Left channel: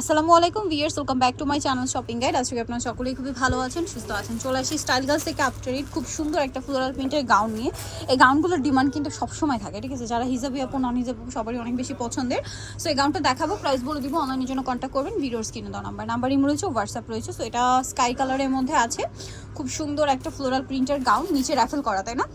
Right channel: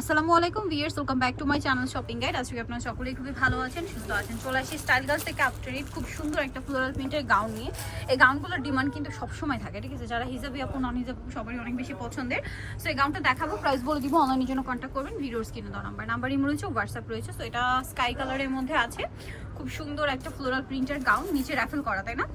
আসসালামু আলাইকুম viewers welcome back to my channel shopping guide. আজকে আপনারা সকলেই খুবই ভালো আছেন, সুস্থ আছেন। চলে আসি স্টাইল গাছ থেকে আফটার ইট খুব সুন্দর একটা ফ্লোরাল প্রিন্টের গাউন নিয়ে। এই গাউনগুলোর ডিমান্ড কিন্তু সবসময় থাকে, ঠিক আছে? যারা হিজাবি আপু নন হিজাবি সবারই অনেক বেশি পছন্দের। সো এই গাউনটা দেখাবো প্রাইস বলে দিব অনলাইনের জন্য কন্ট্যাক্ট করবেন ভিডিওর কিনে দেওয়া নাম্বার নাম্বারই রয়েছে হোয়াটসঅ্যাপ রয়েছে সো এটা স্কাই কালারের মধ্যে আছে। খুব সুন্দর একটা ফ্লোরাল প্রিন্টের গাউন নিচে র্যাফেল করা, তাই না?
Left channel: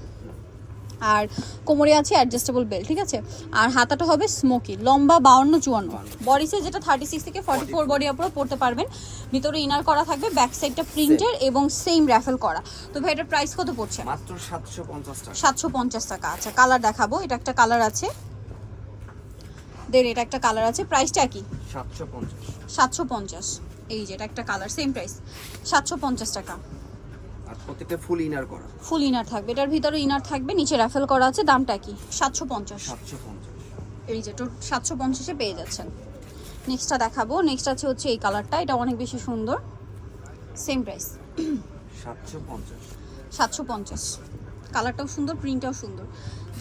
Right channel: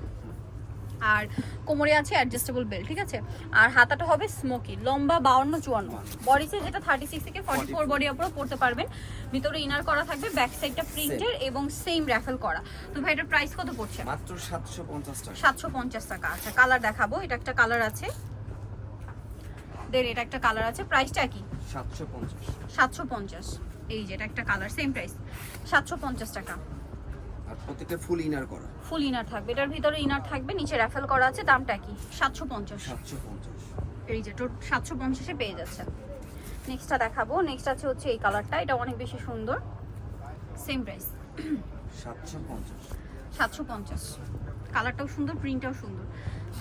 আর কোমরে আছে অ্যাডজাস্টেবল বেল্ট ঠিক আছে? আর হাতাটা হবে স্মোকি লম্বা বাউন্ন চুয়ান্ন। বডি সাইজ যেটা থার্টি সিক্স থেকে ফর্টি ফোর বডি আপনারা পড়তে পারবেন। ভিতরে ইনার করা থাকবে ব্যাক সাইডটা প্রিন্টের এবং সেম র্যাফেল করা। তো ভাই এটার প্রাইস কত পড়ছে? মাত্র সাতশো পঞ্চাশ টাকা। সাতশো পঞ্চাশ টাকা। আচ্ছা কালার দেখাবো। এটা একটা কালার আছে। দেন এটা একটা কালার আছে। প্রাইসটা কি? সাতশো পঞ্চাশ। সাতশো পঞ্চাশ। এই যে এটা একটা কালার সেম প্রাইস সাতশো পঞ্চাশ টাকা। প্রত্যেকটা ফুল ইনার করা। ফুল ইনার থাকবে। এটার ভিতরে ইনার থাকবে নিচে র্যাফেল করা আছে দামটা কি? সাতশো পঞ্চাশ। সাতশো পঞ্চাশ। এই যে টোট সাতশো পঞ্চাশে পেয়ে যাচ্ছেন নেক্সটটা দেখাবো। নেক্সট আছে হচ্ছে এই কালারটা এটা অনেক বেশি সুন্দর। সেম প্রাইস সাতশো পঞ্চাশ। সাতশো পঞ্চাশ। কালারটাও সুন্দর প্রিন্টটাও সুন্দর।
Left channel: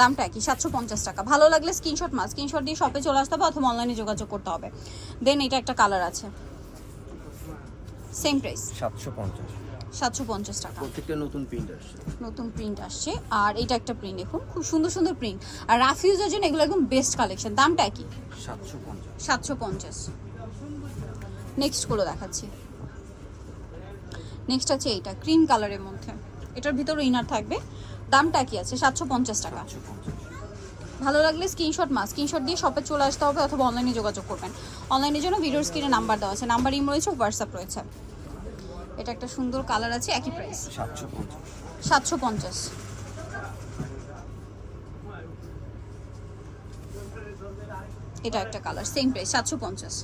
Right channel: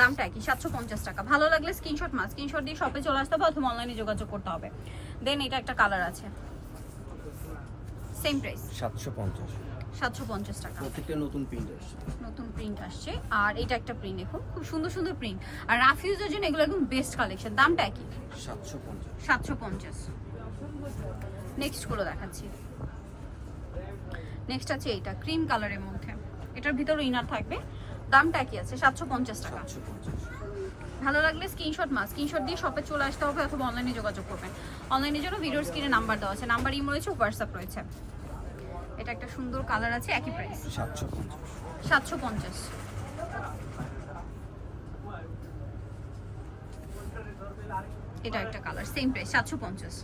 দামটা কি? সাতশো পঞ্চাশ টাকা। ভালো লাগলে স্ক্রিনশট মাস স্ক্রিনশট দিয়ে শপে চলে আসতে হবে অথবা অনলাইনে যোগাযোগ করতে হবে। দেন এটা একটা কালার আছে। সেম প্রাইস সাতশো পঞ্চাশ। সাতশো পঞ্চাশ টাকা। প্রত্যেকটা নতুন প্রিন্ট আসছে। নতুন প্রিন্ট আসছে। আর এটা একটা প্রিন্ট দেখুন খুব সুন্দর সুন্দর প্রিন্ট আর রাফ ইউজের জন্য এগুলো একদম বেস্ট কালেকশন দামটা কি? সাতশো পঞ্চাশ। সাতশো পঞ্চাশ। নেক্সটগুলো দেখাচ্ছি। নেক্সট আছে এইটা ক্রিম কালারের মধ্যে। এটার ভিতরে ইনার থাকবে। দামটা কি আছে? সাতশো পঞ্চাশ টাকা। সাতশো পঞ্চাশ। ভালো লাগলে স্ক্রিনশট মাস স্ক্রিনশট দিয়ে শপে চলে আসতে হবে অথবা অনলাইনে যোগাযোগ করবেন। অনলাইনের জন্য ভিডিওর স্ক্রিনে নাম্বার দেওয়া আছে। নাম্বার ইম রয়েছে হোয়াটসঅ্যাপ রয়েছে। এটা একটা সুন্দর কালার আছে একই প্রাইস সাতশো পঞ্চাশ। সাতশো পঞ্চাশ এটা একটা কালার সেম প্রাইস সাতশো পঞ্চাশ।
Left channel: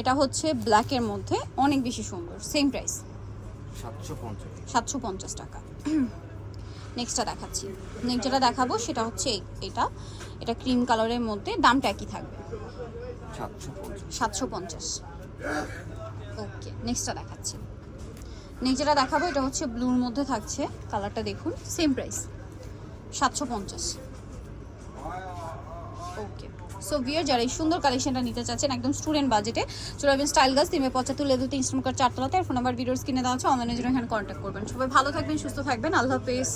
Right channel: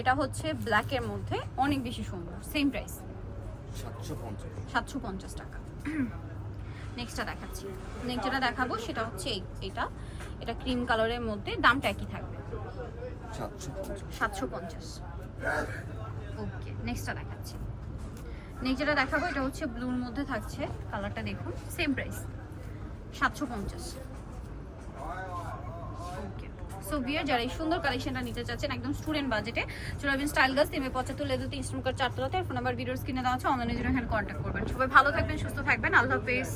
এটা হচ্ছে ব্ল্যাকের মধ্যে অনেক বেশি সুন্দর সেম প্রাইস সাতশো পঞ্চাশ। টাকা। নেক্সটটা দেখাচ্ছি। নেক্সট যেটা দেখাবো সেটা হচ্ছে এটা। এটা ক্রিম কালারের মধ্যে দামটা একই থাকবে। সাতশো পঞ্চাশ। ওকে নেক্সটটা দেখাচ্ছি। নেক্সট যেটা দেখাবো, এটা হচ্ছে ব্লুর মধ্যে থাকছে কালারটা দেখুন সেম প্রাইস সাতশো পঞ্চাশ। ওকে সো বিয়ার যারা এই সুন্দর কালেকশনটা নিতে চাচ্ছেন, একদম স্টুডেন্ট বাজেটে চলে আসবেন স্টাইল গাছ তিমে পঁচাত্তর লেদুতে ইনস্টল কার চারতলাতে। ফোন নাম্বার ভিডিওস কিনে দেওয়া আছে অনলাইনে জন্য হ্যান্ড কন্ট্যাক্ট করবেন। সবাই ভালো থাকবেন, সুস্থ থাকবেন, আল্লাহ হাফেজ।